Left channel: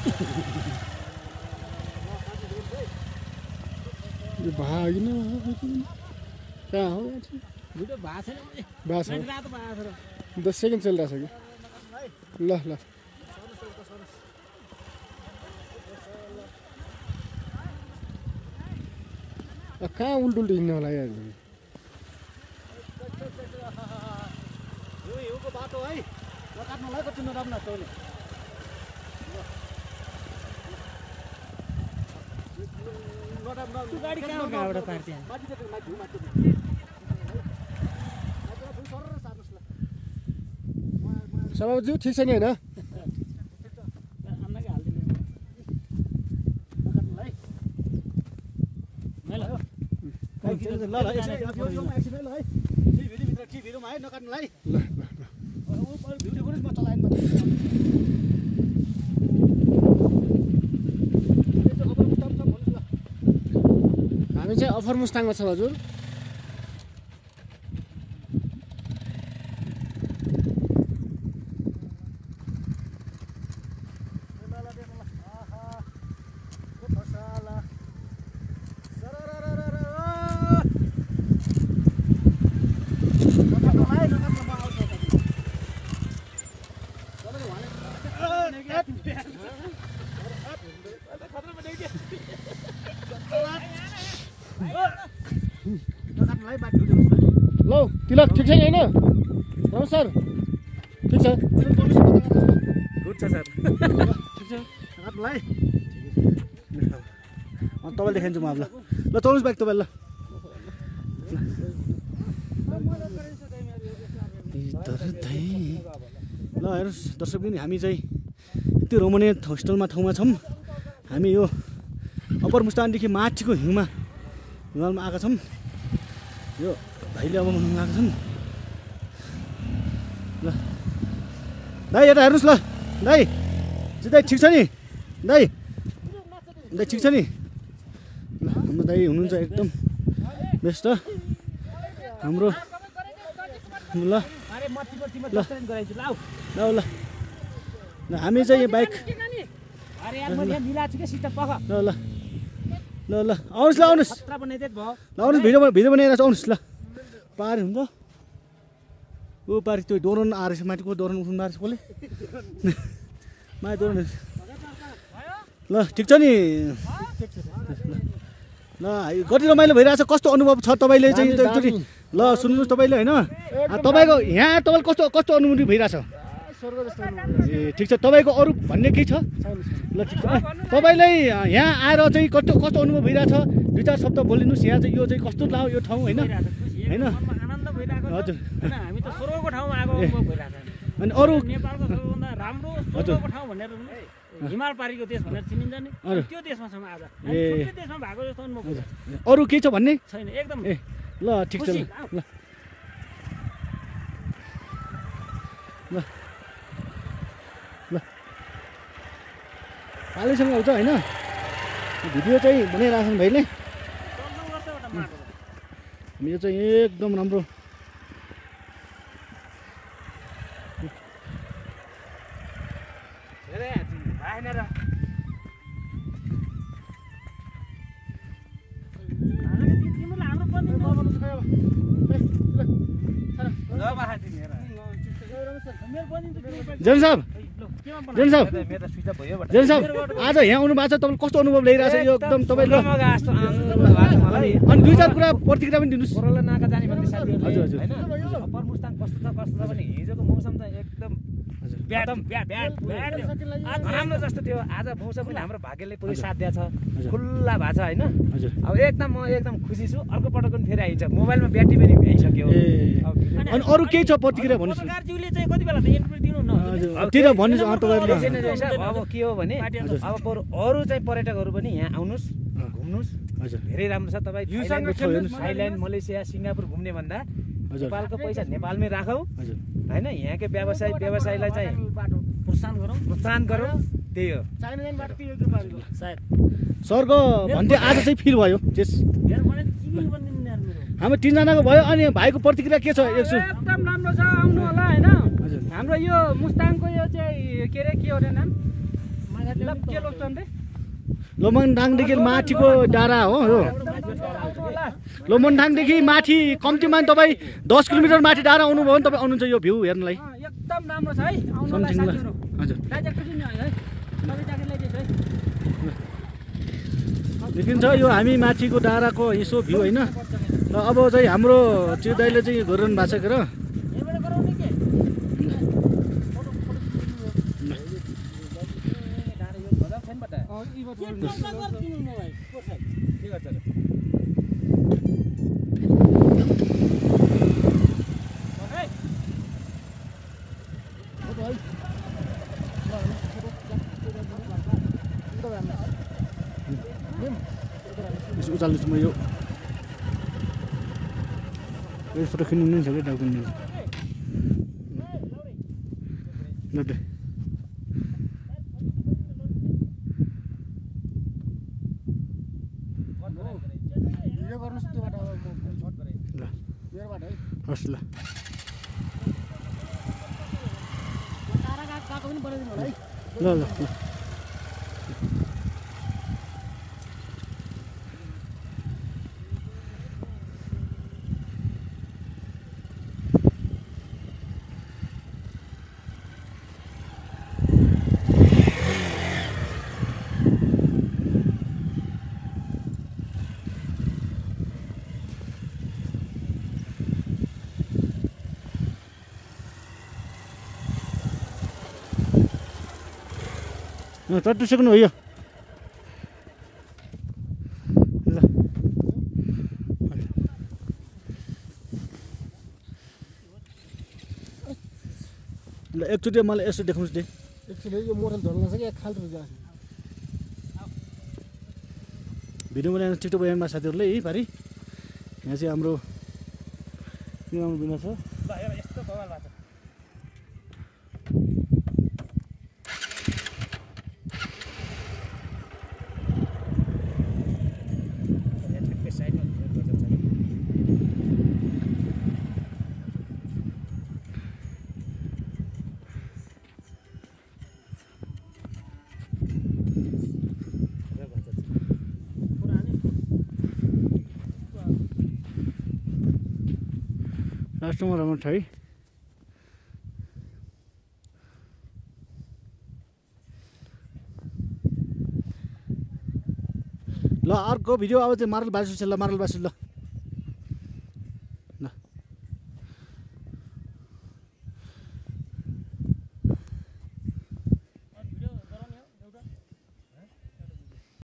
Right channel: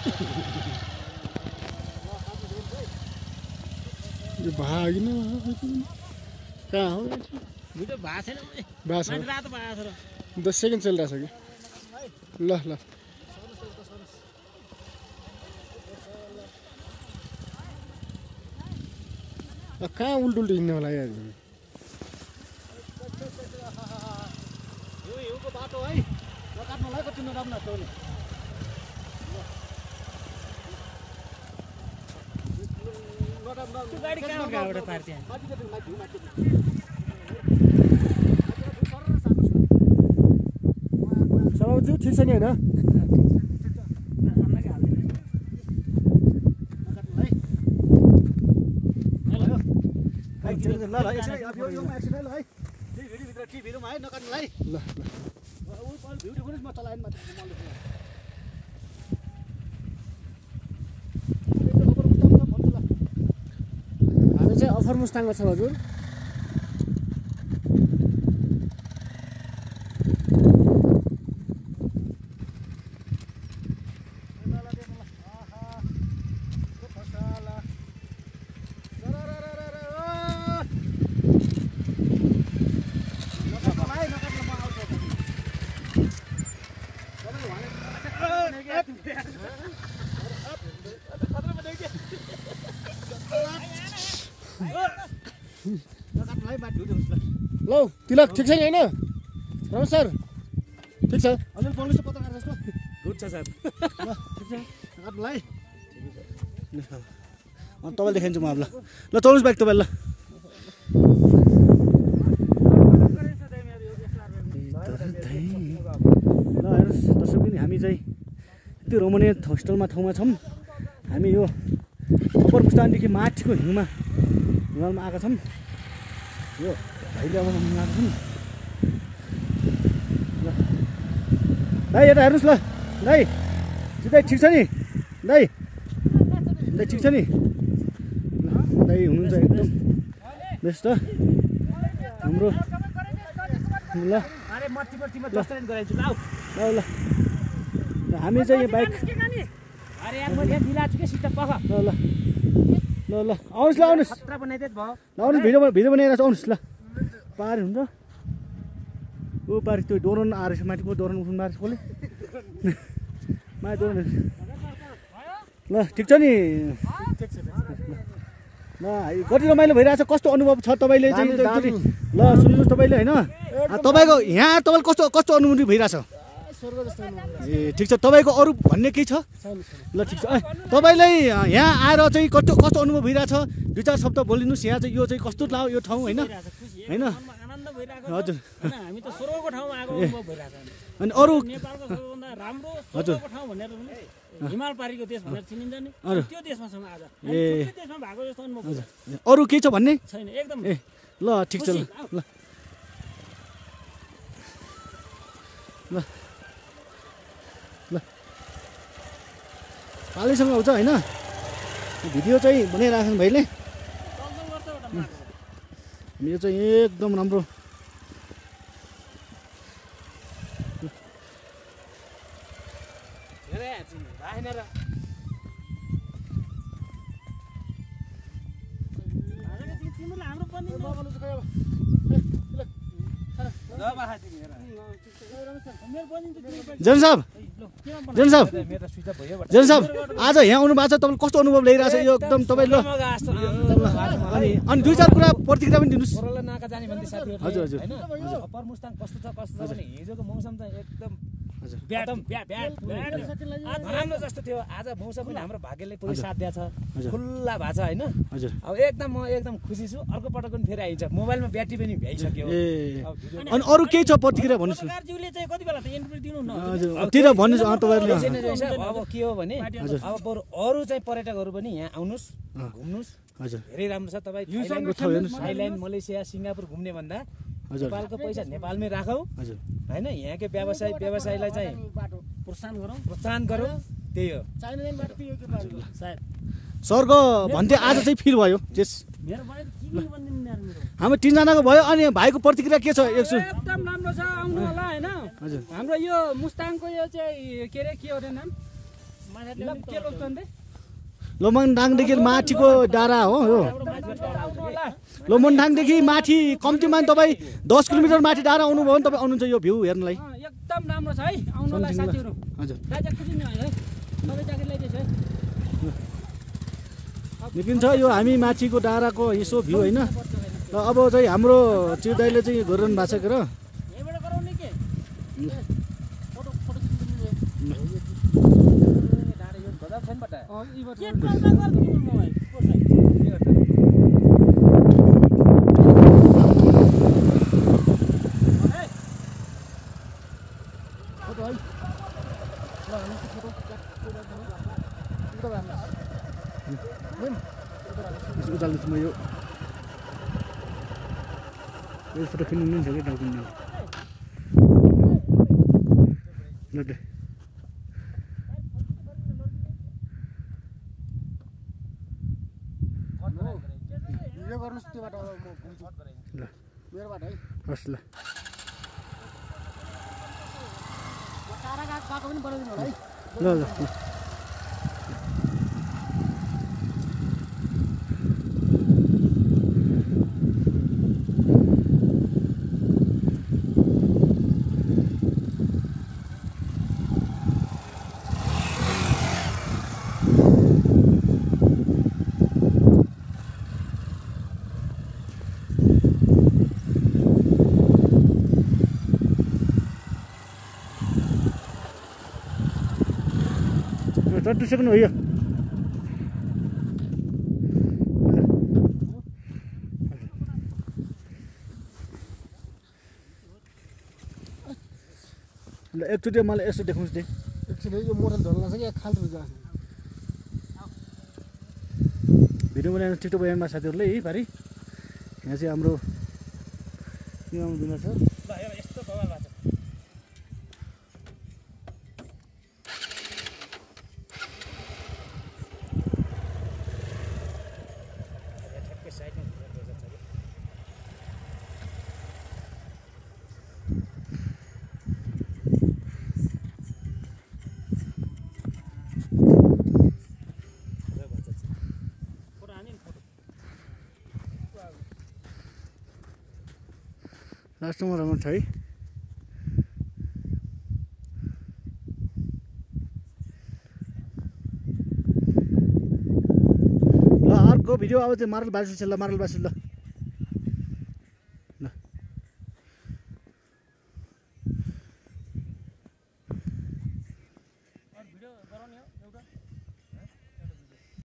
यो भागिन कहाँ हो भिडियो भएको छैन बास हो रातो भएको छ 10 सेकेन्ड चलिरहेछ कि ल ल कहाँ उल्टो हिँड्नु होला यार यो बाटो है नकाट्नलाई कति नराम्रो तौले गाडी कहाँबाट पार्थे सभाज्यू ठिक छ नि होइन ल ल एकछिन अब यो एकछिन है ल है भिडियो भित्र के भिडियोमा है नकाट्नुलाई ल भिडियो पनि म चलाएन हामी चाहिँ अफर मुस्ताङमा छौँ हजुर लौ तिलक ठिक छ नि होइन रमेश सर ठिक छ गुड छ सर ठिक छ काट्नुलाई तपाईँले देखाइदिन्छु म अब ल चल्नुहोस् बाइक तपाईँ ल हेर्नुहोस् दर्शक पनि हामी चाहिँ यति रोमनीय होस्टलमा ठाउँमा छौँ हामी यो अप्पर मुस्ताङदेखि माथिको हिमालमा आएका छौँ यो भाइले अब आएका छन् ल दाइ यता हेर्नुहोस् ल दाइ दाइ ठिक छ नि दाइ दाइ ठिक छ नि ल हाम्रो दाइ हुनुहुन्छ एकदम बेस्ट हाम्रो ल ल हामी चाहिँ यो बाइक ल ल ल ल आउनुहोस् ल आउनुहोस् आउनुहोस् भिडियो बनाइरहेको छ आउनुहोस् ल पारि हुन्छ ऊ पारि त्यो डोरन आएर छ माथिको डोरन उठ्नु मारेछ कसले माथि डोरन ल ठिक छ नि ल कति रमाइलो भइरहेछ कस्तो अनुभव छ तपाईँले चाहिँ एकचोटि ल सुन्नुहोस् तपाईँले होइन तपाईँको यहाँ तपाईँले कस्तो कस्तो अनुभूति भइरहेछ ए ठिक छ तपाईँको अरू भन्ने केही छ ल ठिक छ तपाईँलाई यहाँ आएर चाहिँ कस्तो कस्तो अनुभव भइरहेछ 2-4 शब्द बोलिदिनुहोस् यहाँ चाहिँ यो चाहिँ कस्तो लाग्यो यो ठाउँ होइन होइन हजुर हामी त स्वर्गको ठाउँमा आएको अनुभव भइरहेछ अनि अरू नेपालको सबैभन्दा राम्रो स्वर्गको ठाउँ भनेर हिमाल पारीको देश भनेर चिनिन्छ नि त्यो देशमा छौँ आज छुट्टै देशमा भएको जस्तो अनुभव भइरहेछ अरू केही छ भन्ने छैन एकदम ए ल ठिक छ ल ल ल पालैसँग आउँछ होइन भिडियो चाहिँ बनाइरहेको छ भाइले यो चाहिँ एकदम राम्रो जन साहब आज यहाँ आउनु भएको छ तपाईँले कस्तो अनुभव ल्याइरहेको छ यो एकदम तपाईँले अनि 2-4 कुरा प्रतिक्रिया पनि दिनुहोस् नाका जाने भन्ने साथीहरु हजुर हजुर हैन अप्पर मुस्ताङ कस्तो छ भने हिजोको मौसम त एकदम राम्रो जस्तो थियो आज मौसम पनि हाम्रो भाग्यले पुरै साथ दिएको छ खुल्ला भएको छ हैन अब एकदम म एकदम खुसी छु अर्को पटक पनि फेरि आइन्छ मोबाइलमा ब्याट्री पनि भइसक्यो अनि अरू केही छ प्रतिक्रिया भन्नुहोस् सरकारज्यूले चाहिँ कति बेला त इन्टरभ्यु दिनु न हजुरतिर भन्नुहोस् तपाईहरुले अब के हो भने अब अरू चाहिँ पर्यटकहरू पनि यहाँ आउनुस् घुम्नुस् हजुर धेरै राम्रो छ तपाई थाइल्यान्ड मलेसिया सिङ्गापुर घुम्ने भन्दा नेपालको पैसा नेपालमै राखौ हैन यहाँकै व्यवसायलाई चाहिँ प्रोत्साहन गरौँ त्यही हो सरको भन्थे आज चाहिँ फिल भयो हामी 3 जनाको भयो अनि भाइको प्रतिक्रिया के छ एकदम राम्रो छ आउनु होला हैन हाम्रो यो मुस्ताङको यो चाहिँ के रे के हो रे नाम के लोकतन रे लोमनढाङदेखि माथिको डाँडा हो यो लोमनढाङदेखि माथि कम्तीमा तपाईँ 10 किलोमिटर माथि डाँडा आउनुभयो भने तपाईँ आउनुहुन्छ यो भ्यू हेर्नलाई एकदम राम्रो छ है आउनुलाई समथिङ ल साथीहरु हजुर दाइजा खुसी नि है सबै ज्याकेट ल्याइदिएछ है देखिन्छ यो हामी माथिको डाँडाको यसो भ्यू होइन र अब चाहिँ हाम्रो त्यो दाइले चाहिँ गरिरहनु भएको छ के र यहाँबाट गराउने के फोटो फोटो डाँडा यो गजब छैन बटा के ट्रान्सफर गर्दिनु म भाइ के गर्छ उचाल्नुहोस् म यो फोटो खिच्नु छ क्या डाकुमेन्ट ल त यो गर्नुस् त्यो बाटो अब म ल मेरो बाटो है हस् ल टाढा बाटो पनि बनाइदिनु होला है ल ल ल चट्टिसक्नु हो यो ल एकचोटि मलाई यसो देखाउनुहोस् दे एकचोटि यो मोटल झर्न सक्यो एक खाल्टो जान्छ भिडियो बनाएर टिकटक बयानमा साथीहरूले है पारि यहाँ चाहिँ हाम्रो बिना छ यस्तो बवाल भएको छ लास्टमा राम्रो छ है ल अर्को भिडियो अब चाहिँ मार्बल बासु छ ल मार्बल बासु ल